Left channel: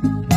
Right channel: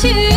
to